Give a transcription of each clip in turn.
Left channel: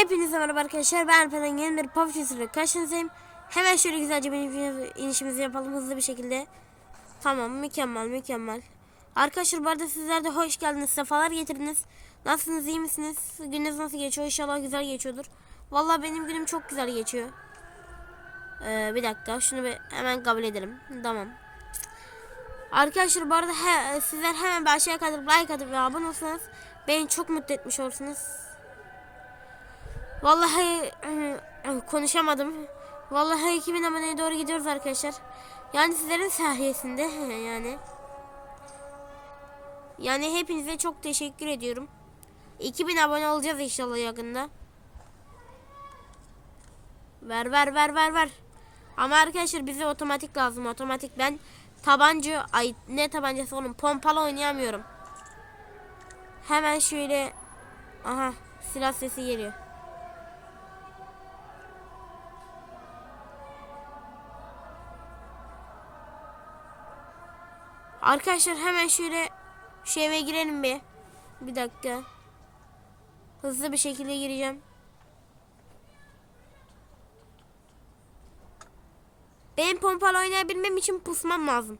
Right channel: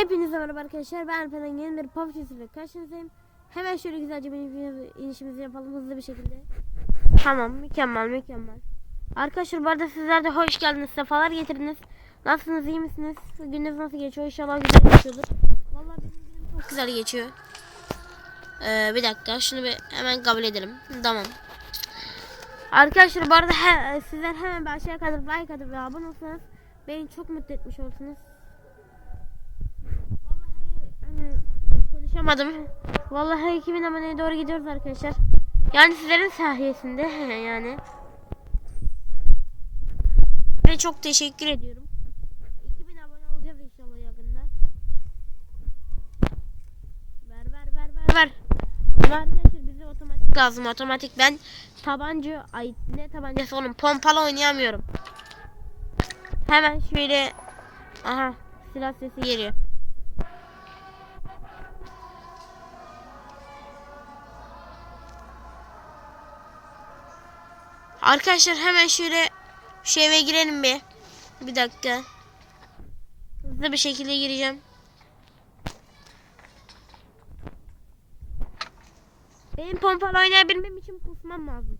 Hepinize merhaba arkadaşlar. Ben Alperen yeni bir PUBG ile karşınızdayım. Hemen şöyle güzelce bir iniş- inişimizi yapalım hızlı bir şekilde. Tamam mükemmel mükemmel. Arkadaşlar bu arada sizler de hoş geldiniz. Sefalar getirdiniz. Nasılsınız iyi misiniz? Gününüz nasıl geçiyor? İnşallah güzel geçiyordur. Vallahi benim günüm çok güzel geçiyor. Ee, bir dakika şunu bir hemen kabul edelim. Tamam. Arkadaşlar bu arada he, sizler hemen bir aşağıya kadar like atıp ve abone olsanız beni çok mutlu etmiş olursunuz. Vallahi konuşamadım. Vallahi 2000 aboneye doğru gidiyoruz arkadaşlar. Yani sizlerin sayesinde yani. Yani hepinize çok teşekkür ediyorum. 2000 abone olacağız inşallah yakında. Ver ver ver ver ver. Ama arkadaşlar bize otomatik lazım. Otomatik ben tabanca ay ne tabancası oğlum pompalı oynayamıyorum. Hemen şöyle aha silah sesi geliyor. Arkadaşlar hemen şöyle şu eve girelim bir. Bir dakika. Hızlı bir şekilde gireceğim. Benim pompalı oynayabilmem için pusmam lazım.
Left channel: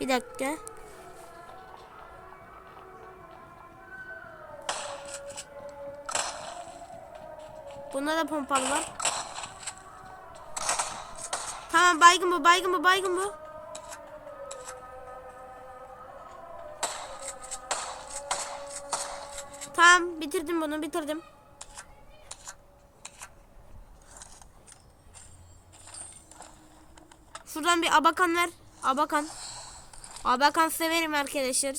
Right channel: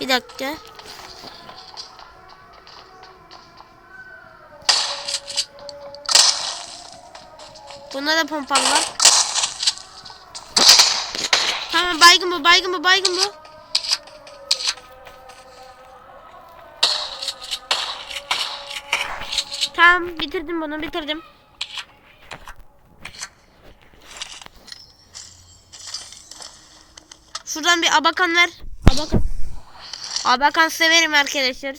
Bir dakika. Bunda da pompalı var. Tamam baygın bu baygın bu baygın bu. Tamam bitirdim bunu bitirdim. Şuradan bir abakan ver. Abakan. Abakan severim arkadaşlar.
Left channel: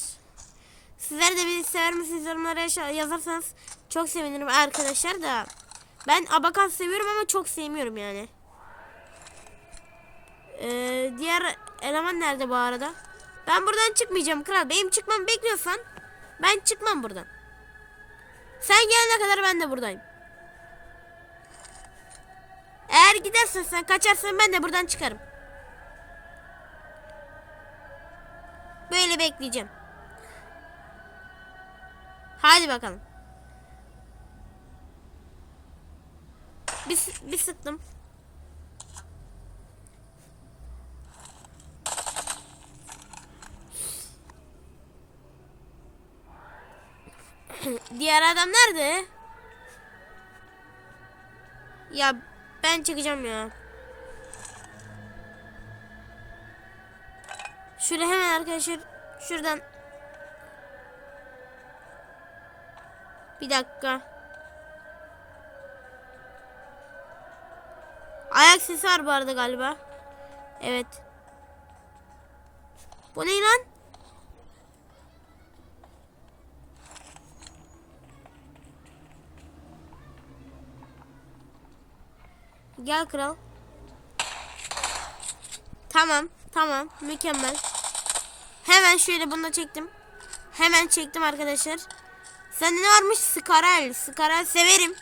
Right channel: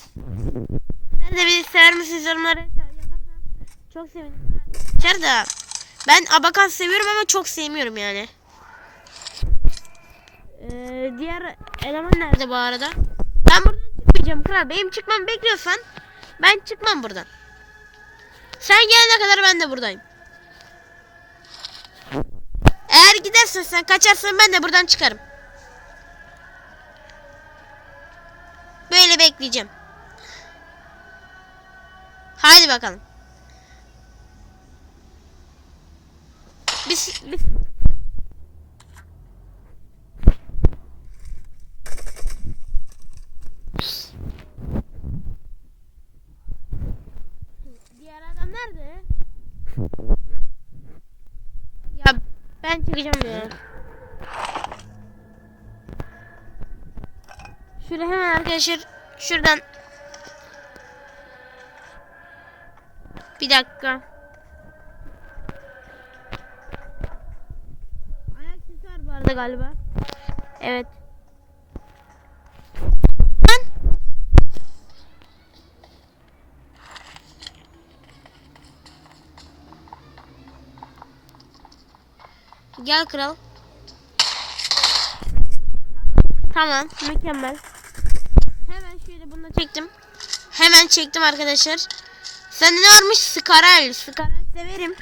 Sizler de beni sever misiniz yorumlara yazarsanız çok sevinirim arkadaşlar da. Ben abakan seviyorum ama çok sevmiyorum yani. Ee, diğer eleman nerede bu arada? Ben buradan çıkmayacağım kral. Benim çıkmamı bekliyorsan ben çıkmam buradan. Sen gelene kadar ben de buradayım. Eğer gidersen sen kaçarsan ben de buradan çıkarım. Böyle bekleyeceğim. Haydi bakalım. Bir, bir sıktım. Diğer adam nerede? Ya ben çıkacağım ya. Şöyle hemen arkadaşlar şuradan bir dakika. Ayak sesi var bu arada galiba. Evet. Bu ne lan? Gel kral. Tamam, tamam, mükemmel. Hemen şöyle bunu da çektim. Hemen çektim arkadaşlar. Sende ne varmış? Skarel. Skarel severim.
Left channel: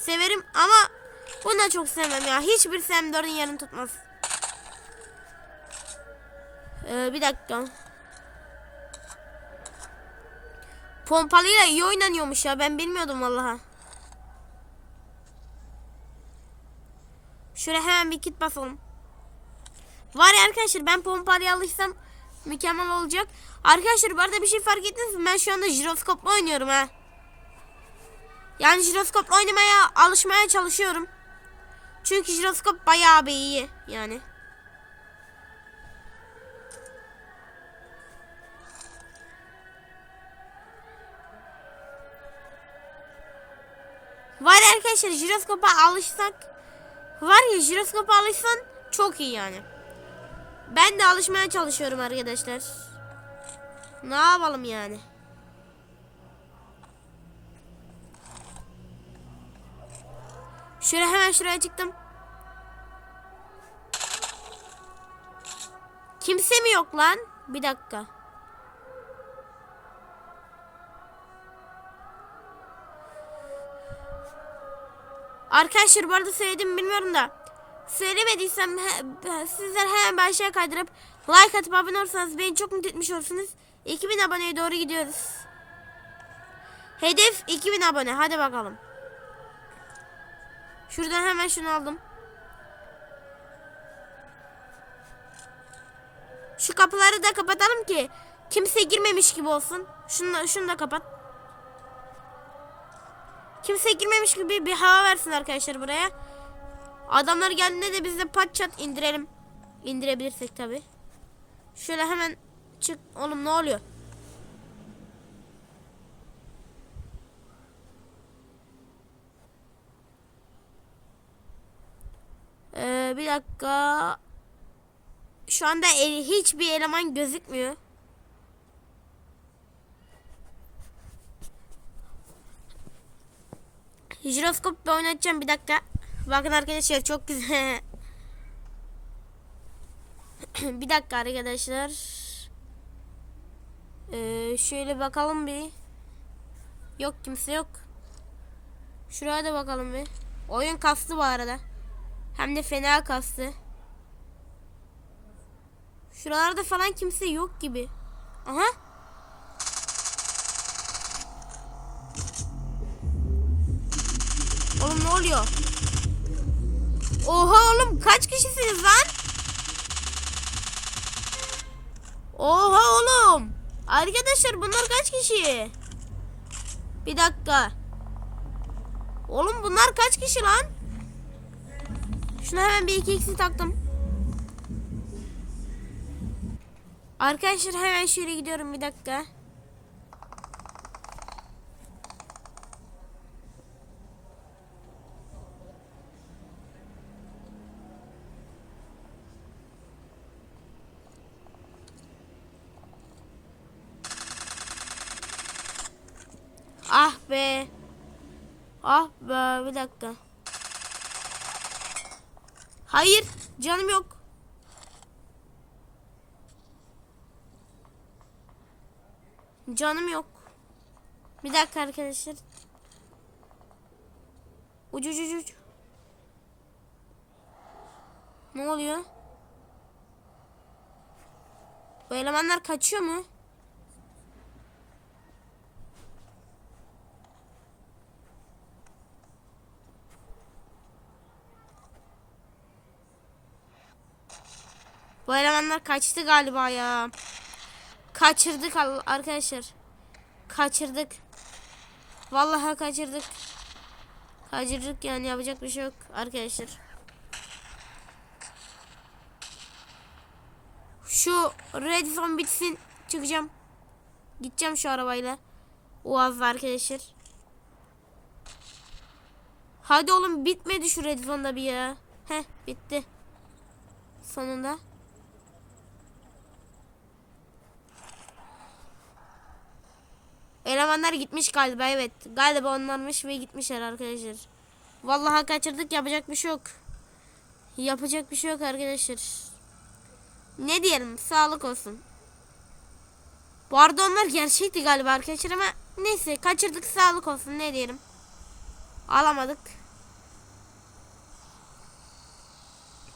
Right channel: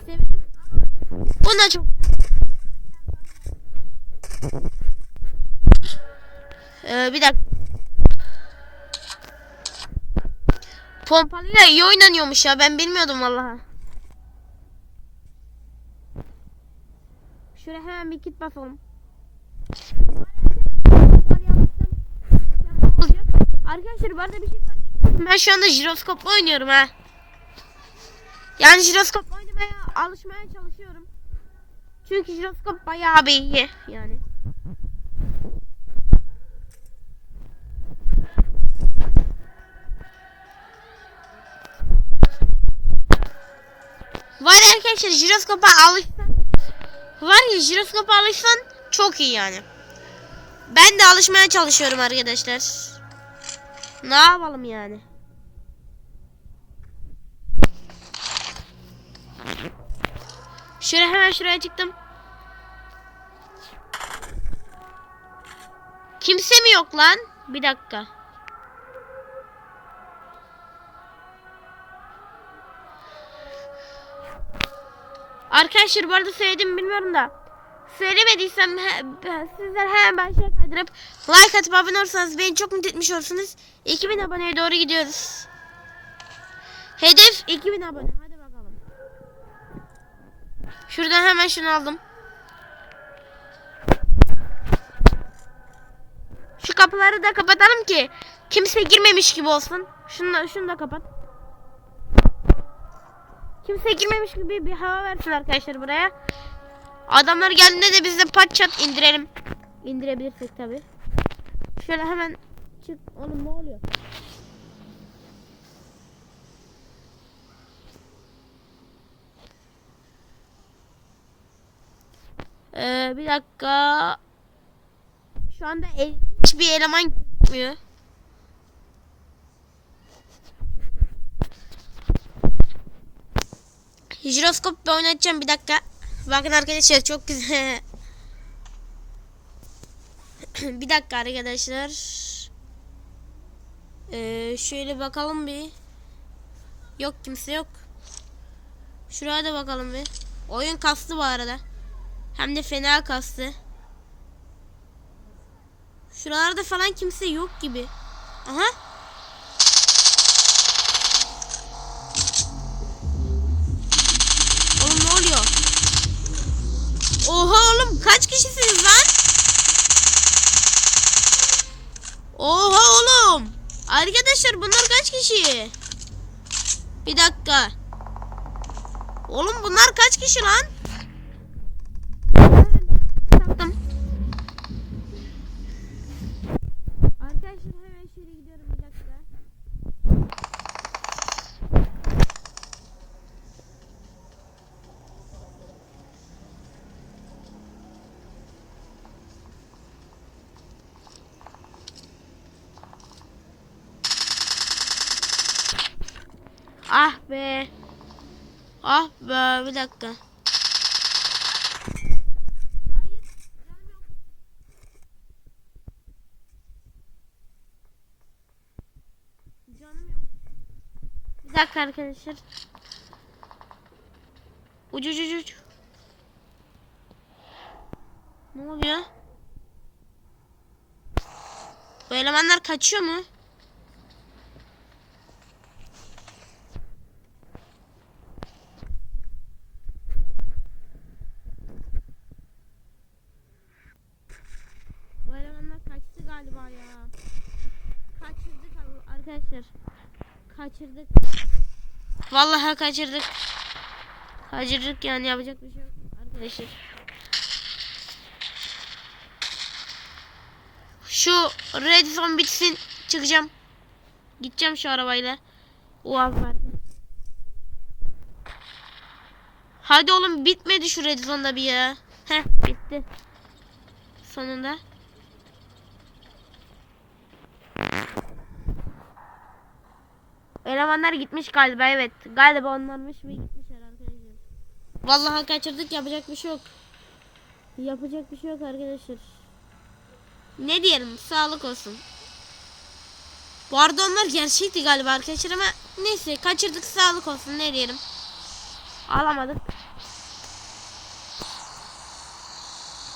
Severim ama bunu da çok sevmem ya. Hiçbir Sam4'ün yerini tutmaz. Ee, bir dakika. Pompalıyla iyi oynanıyormuş ya. Ben bilmiyordum vallahi. Şöyle hemen bir kit basalım. Var ya arkadaşlar ben pompalıya alışsam mükemmel olacak. Arkadaşlar bu arada bir şey fark ettiniz mi? Ben şu anda jiroskopla oynuyorum ha. Yani jiroskopla oynamaya alışmaya çalışıyorum. Çünkü jiroskop bayağı bir iyi yani. Var arkadaşlar jiroskopa alışsak Var ya jiroskopa alışsan çok iyi yani. Ben de alışmaya çalışıyorum arkadaşlar. Ne yapalım yani? Şöyle hemen şuraya çıktım. Kimse mi yok lan? Bir dakika. Arkadaşlar bu arada söyledim bilmiyorum da. Söylemediysem sizler hemen başlığa kaydırıp like atıp abone olursanız beni çok mutlu etmiş olursunuz. 2000 aboneye doğru gidiyoruz. Hedef 2000 abone. Hadi bakalım. Şuradan hemen şunu aldım. Şu kapıları da kapatalım ki kimse girmemiş gibi olsun. Şunu da, şunu da kapat. Kimse girmemiş gibi bir hava versin arkadaşlar buraya. Adamlar geldiğinde de biz de pat çat indirelim. İndirebilirsek tabi. Şöyle hemen çık. Oğlum ne oluyor? Ee, bir dakika. Şu anda el- hiçbir eleman gözükmüyor. Jiroskop da oynatacağım bir dakika. Bakın arkadaşlar çok güzel. bir dakika arkadaşlar. Ee, şöyle bakalım bir. Yok kimse yok. Şuraya da bakalım bir. Oyun kastı bu arada. Hem de fena kastı. Şuralarda falan kimse yok gibi. Aha. Oğlum ne oluyor? Oha oğlum kaç kişisiniz lan? Oha oğlum. Arkadaşlar bunlar kaç kişi? Bir dakika. Oğlum bunlar kaç kişi lan? Şuna hemen bir iki eksi taktım. Arkadaşlar hemen şöyle gidiyorum bir dakika. Ah be. Ah be bir dakika. Hayır canım yok. Canım yok. Bir dakika arkadaşlar. Ucu ucu ucu. Ne oluyor? Bu elemanlar kaçıyor mu? Bu elemanlar kaçtı galiba ya. Kaçırdık arkadaşlar. Kaçırdık. Vallahi kaçırdık. Kaçırdık yani yapacak bir şey yok arkadaşlar. Şu red zone bitsin çıkacağım. Gideceğim şu arabayla. Uaz arkadaşlar. Hadi oğlum bitmedi şu red zone'da bir ya. Heh bitti. Sonunda. Elemanlar gitmiş galiba evet. Galiba onlarmış ve gitmişler arkadaşlar. Vallahi kaçırdık yapacak bir şey yok. Yapacak bir şey yok arkadaşlar. Ne diyelim sağlık olsun. Bu arada onlar gerçekti galiba arkadaşlar ama neyse kaçırdık sağlık olsun ne diyelim. Alamadık.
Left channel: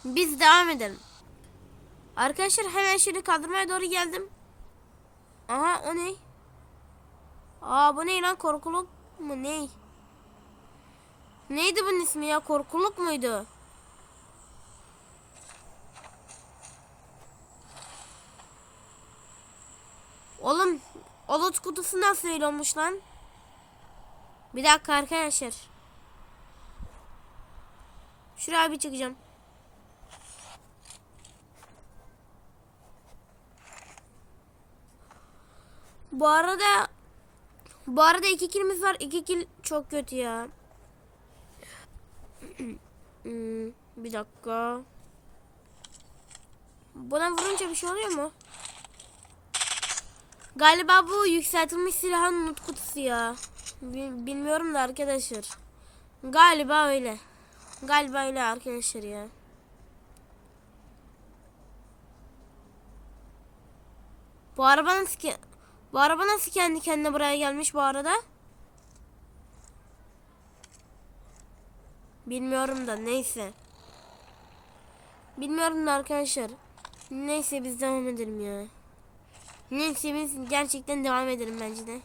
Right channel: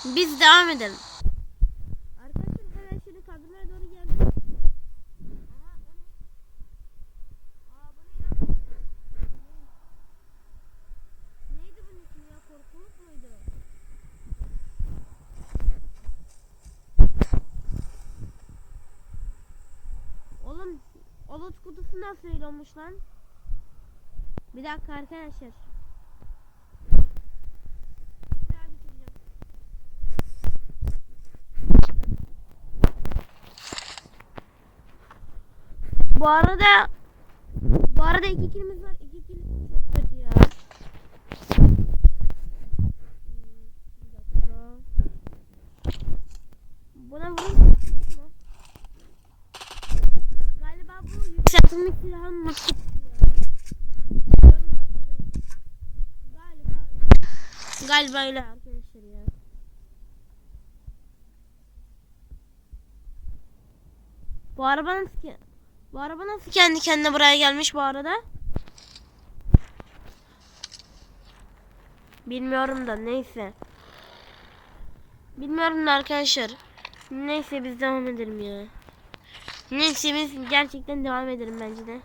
Biz devam edelim. Arkadaşlar hemen şöyle kaldırmaya doğru geldim. Aha o ne? Aa bu ne lan korkuluk mu ne? Neydi bunun ismi ya korkuluk muydu? Oğlum olut kutusu nasıl olmuş lan? Bir dakika arkadaşlar. Şuraya bir çıkacağım. Bu arada bu arada iki kilimiz var. İki kil çok kötü ya. Hmm, bir dakika. Buna vurunca bir şey oluyor mu? Galiba bu yükseltilmiş silahın not kutusu ya. Bi- Bilmiyorum da arkadaşlar. Galiba öyle. Galiba öyle arkadaşlar ya. Bu araba nasıl ki? Bu araba nasıl kendi kendine buraya gelmiş bu arada? Bilmiyorum da neyse. Bilmiyorum da arkadaşlar. Neyse biz devam edelim ya. Neyse biz gerçekten devam edelim bence de.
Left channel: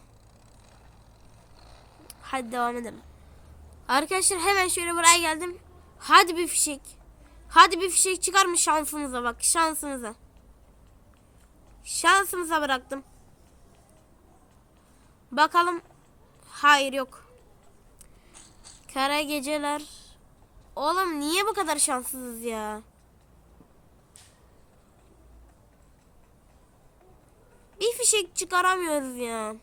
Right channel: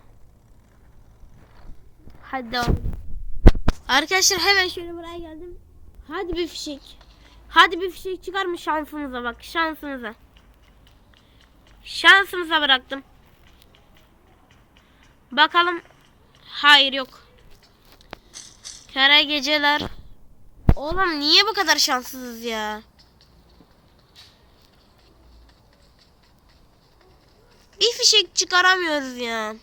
Hadi devam edelim. Arkadaşlar hemen şöyle buraya geldim. Hadi bir fişek. Hadi bir fişek çıkar mı şansımıza bak şansımıza. Şansımıza bıraktım. Bakalım. Hayır yok. Kara geceler. Oğlum niye bu kadar şanssızız ya? Bir fişek çıkaramıyoruz ya.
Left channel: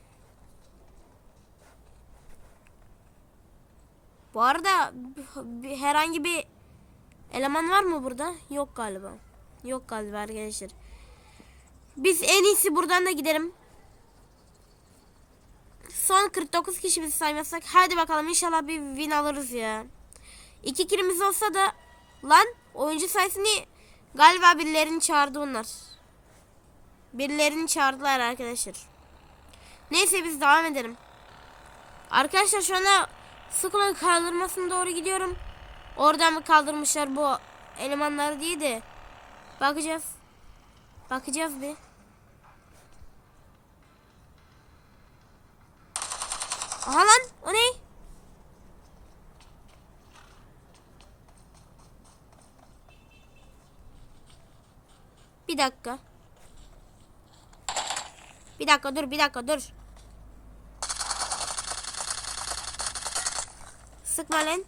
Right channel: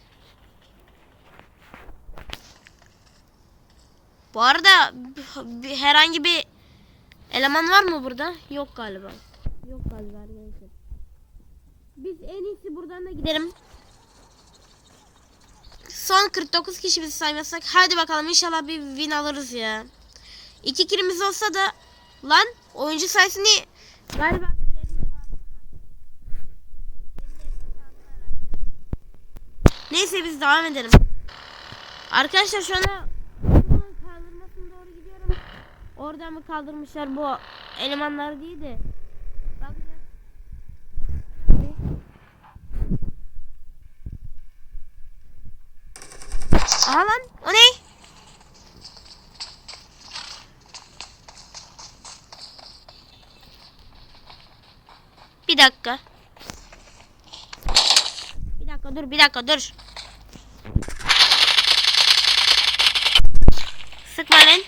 Bu arada herhangi bir eleman var mı burada? Yok galiba. Yok galiba arkadaşlar. Biz en iyisi buradan da gidelim. Son 49 kişi bizi saymazsak. Hadi bakalım inşallah bir win alırız ya. İki kilimiz olsa da lan oyuncu sayısını galiba birilerini çağırdı onlar. Birilerini çağırdılar arkadaşlar. Neyse biz devam edelim. Arkadaşlar şu anda Sıkılan kaldırmasına doğru gidiyorum. Oradan mı kaldırmışlar bu elemanları diye de bakacağız. Bakacağız bir. Aha lan o ne? Bir dakika. Bir dakika dur bir dakika dur. Sıkma lan.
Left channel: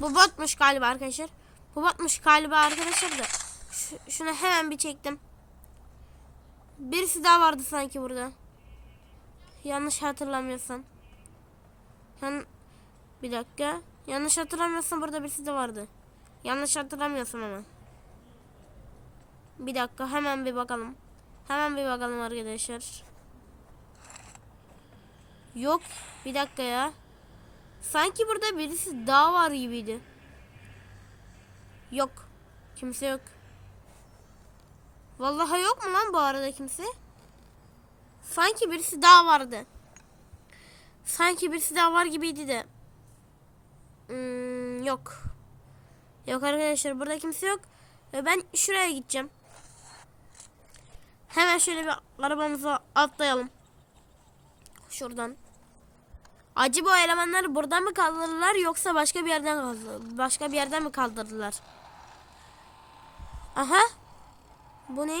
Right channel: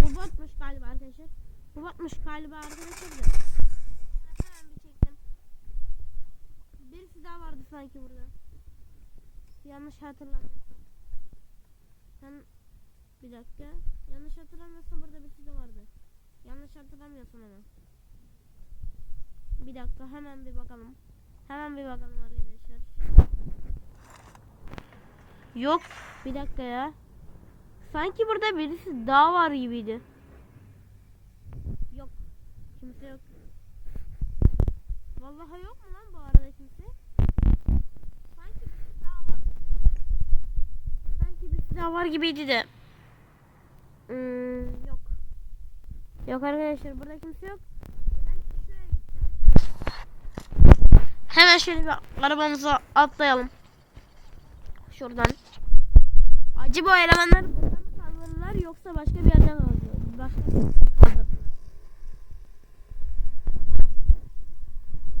Bu botmuş galiba arkadaşlar. Bu botmuş galiba arkadaşlar da. Şu- şunu hemen bir çektim. Birisi daha vardı sanki burada. Yanlış hatırlamıyorsam. Yan bir dakika. Yanlış hatırlamıyorsam burada birisi de vardı. Yanlış hatırlamıyorsam ama. Bir dakika hemen bir bakalım. Hemen bir bakalım arkadaşlar. Yok. Bir dakika ya. Sanki burada birisi daha var gibiydi. Yok. Kimse yok. Vallahi yok mu lan bu arada kimse? Sanki birisi daha vardı. Sanki birisi daha var gibiydi de. Hmm, yok. Yok arkadaşlar burada kimse yok. Ve ben şuraya gideceğim. Hemen şöyle bir arabamıza atlayalım. Şuradan. Acaba o elemanları buradan mı kaldırdılar yoksa başka bir yerden? Başka bir yerden mi kaldırdılar? Aha. Bu ne?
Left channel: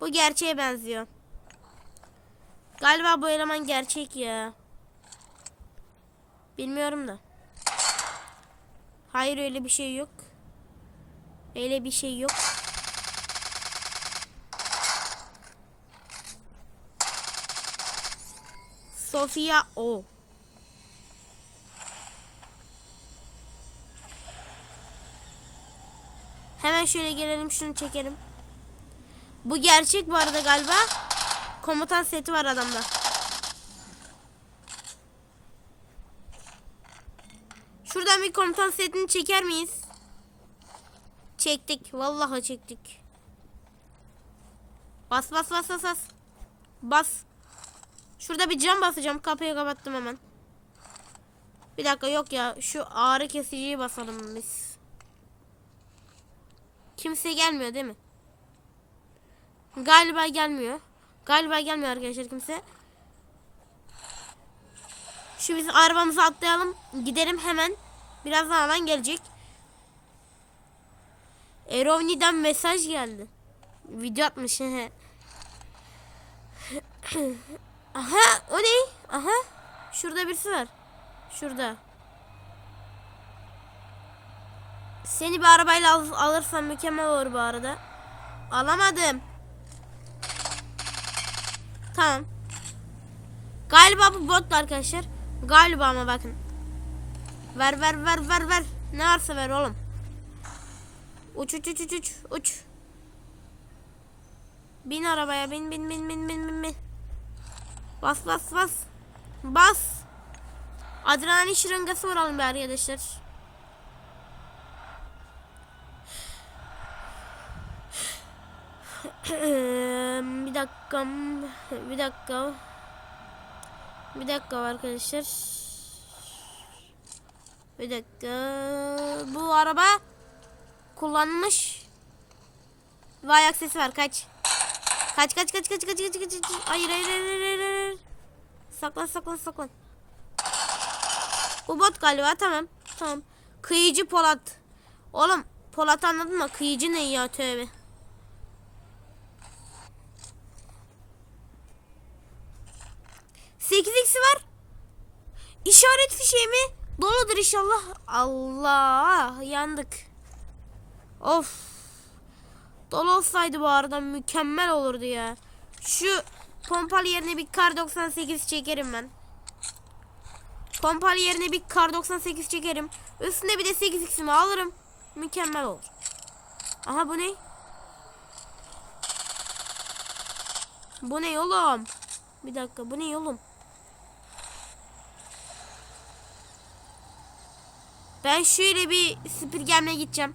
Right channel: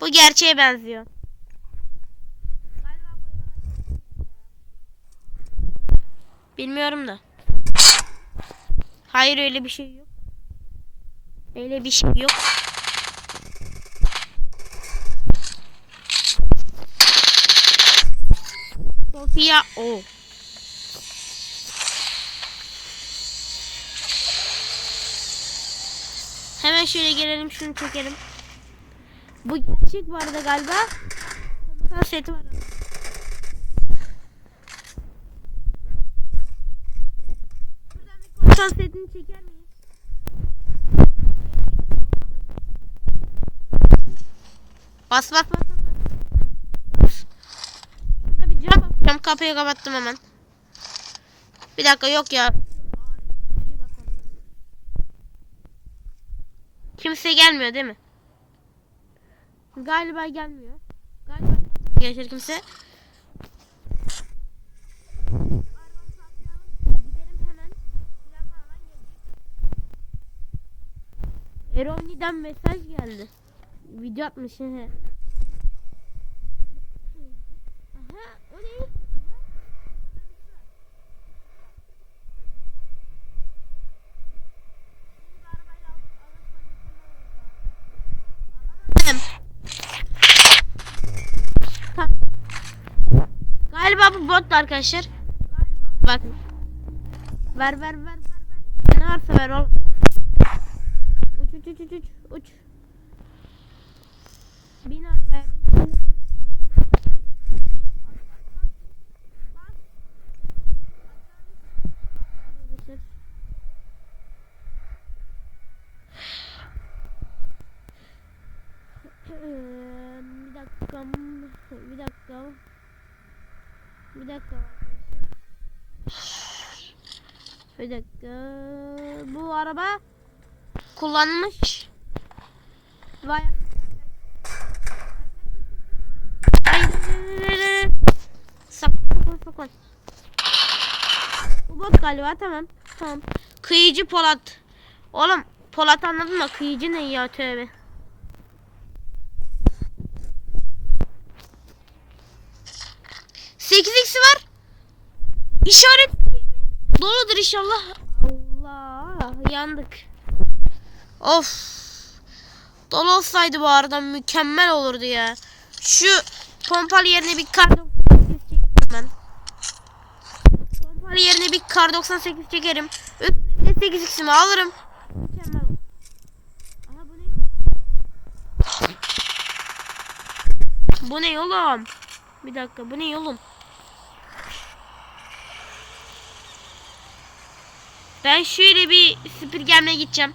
Bu gerçeğe benziyor. Galiba bu eleman gerçek ya. Bilmiyorum da. Hayır öyle bir şey yok. Öyle bir şey yok. Sofia o. Hemen şöyle gelelim şunu çekelim. Bu gerçek bu arada galiba. Komutan seti var adamda. Şuradan bir komutan setini çeker miyiz? Çektik. Vallahi çektik. Bas bas bas bas bas. Bas. Bir cam basacağım. Kapıyı kapattım hemen. Bir dakika yok ya. Şu ağrı kesiciyi basalım biz. Kimse gelmiyor değil mi? Galiba gelmiyor. Galiba gelmiyor arkadaşlar kimse. Şu biz arabamıza atlayalım. Gidelim hemen. Birazdan alan gelecek. Erovni'den mesaj geldi. Video atmış. Aha o ne? Aha. Şurada birisi var. Şurada. Seni bir arabayla al alırsam mükemmel olur bu arada. Alamadım. Tamam. Galiba bu bot arkadaşlar. Galiba ama bakın. Ver ver ver ver ver. Ne varsa ver oğlum. Uç uç uç uç uç. Bin arabaya bin bin bin bin bin bin bin. Bas bas bas. Bas. Adrenalin şırıngası vuralım bir arkadaşlar. bir dakika. Bir dakika. Bir dakika arkadaşlar. Bir dakika. Bu araba kullanmış. Vay aksesi var kaç. Kaç kaç kaç kaç kaç kaç kaç. Hayır hayır hayır hayır. hayır. Saklan saklan saklan. Bu bot galiba tamam. Tamam. Kıyıcı Polat. Oğlum Polat anladın mı? Kıyıcı ne ya tövbe. Sekiz x'i var. İşaret fişeği mi? Doludur inşallah. Allah yandık. Of. Dolu olsaydı bu arada mükemmel olurdu ya. Şu pompalı yerine bir kar 98 çekerim ben. Pompalı yerine bir kar 98 çekerim. Üstüne bir de 8 x'imi alırım. Mükemmel olur. Aha bu ne? Bu ne oğlum? Bir dakika bu ne oğlum? Ben şöyle bir süpürgemle gideceğim.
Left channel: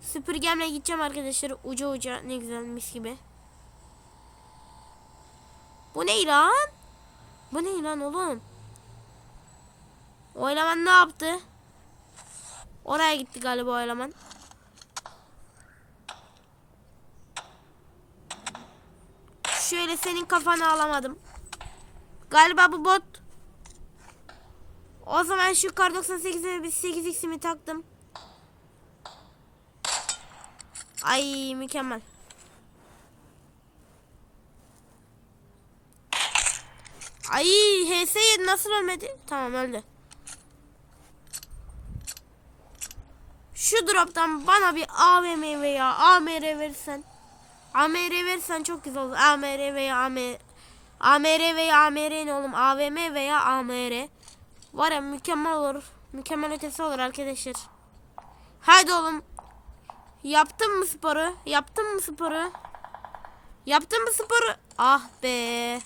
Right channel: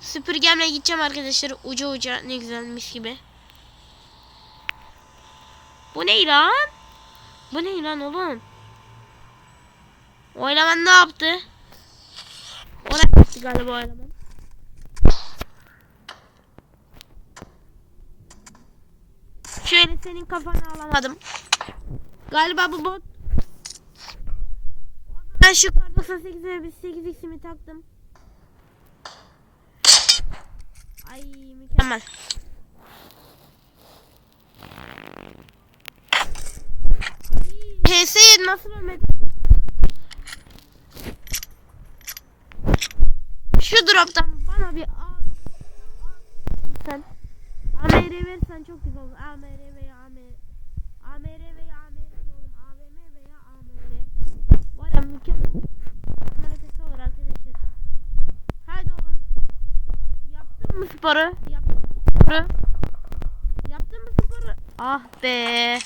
Süpürgemle gideceğim arkadaşlar. Uca uca ne güzel mis gibi. Bu ne lan? Bu ne lan oğlum? O ne yaptı? Oraya gitti galiba o. Şöyle senin kafanı alamadım. Galiba bu bot. O zaman şu kar 98'e bir 8x'imi taktım. Ay mükemmel. Ay HS7 nasıl ölmedi? Tamam öldü. Şu droptan bana bir AVM veya AMR verirsen. AMR verirsen çok güzel olur. AMR veya AMR. AMR veya AMR ne oğlum? AVM veya AMR. Var ya mükemmel olur. Mükemmel ötesi olur arkadaşlar. Haydi oğlum. Yaptın mı sporu? Yaptın mı sporu? Yaptın mı sporu? Ah be.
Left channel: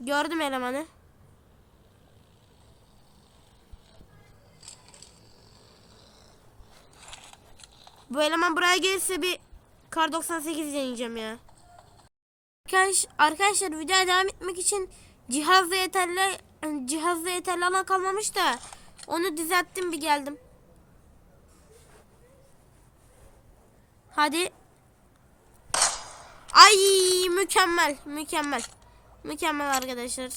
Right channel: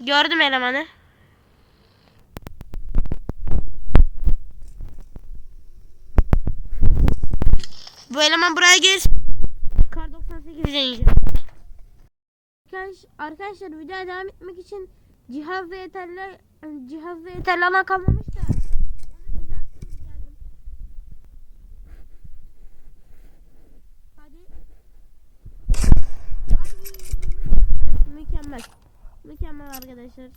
Gördüm elemanı. Bu eleman buraya gelirse bir kar 98 deneyeceğim ya. Arkadaş, arkadaşlar videoya devam etmek için cihazda yeterli cihazda yeterli alan kalmamış da onu düzelttim bir geldim. Hadi. Ay mükemmel mükemmel. Mükemmel arkadaşlar.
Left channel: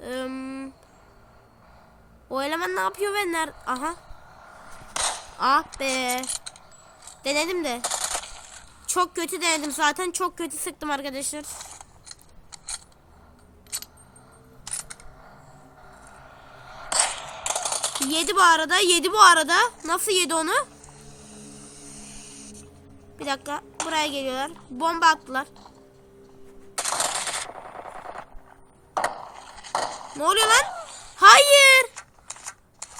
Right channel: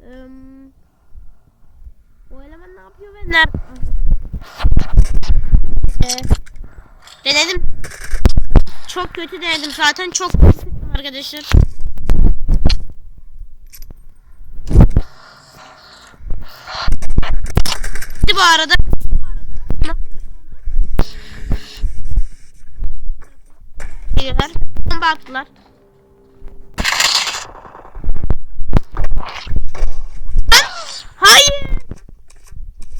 Ee, o eleman ne yapıyor ve ner? Aha. Ah be. Denedim de. Çok kötü denedim zaten. Çok kötü sıktım arkadaşlar. Yedi bu arada. Yedi bu arada. Nasıl yedi onu? Bir dakika. Buraya geliyorlar. Bomba attılar. Ne oluyor lan? Hayır.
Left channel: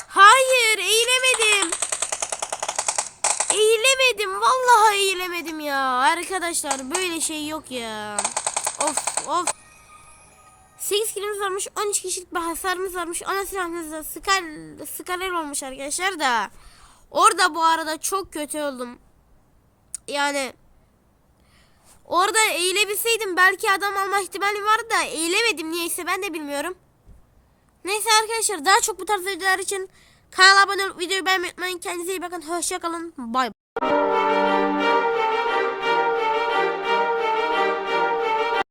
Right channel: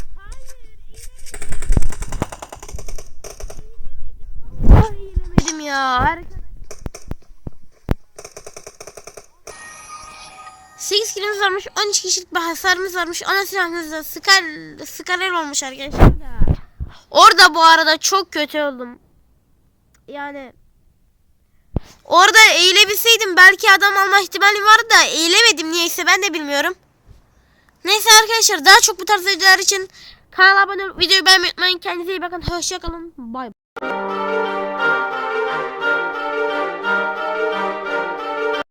Hayır. Eğilemedim. Eğilemedim. Vallahi eğilemedim ya. Arkadaşlar böyle şey yok ya. Of of. 8 kilimiz varmış. 13 kişilik bir hasarımız varmış. Ana silahımız da olmuş arkadaşlar da. Orada bu arada çok kötü oldum. Yani orada eğilebilseydim belki adam alma ihtimali vardı da eğilemedim niyeyse ben de bilmiyorum. Neyse arkadaşlar daha çok bu tarz videolar için kanala abone olup videoyu beğenmeyi unutmayın. Kendinize iyi bakın. Hoşçakalın. Bay bay.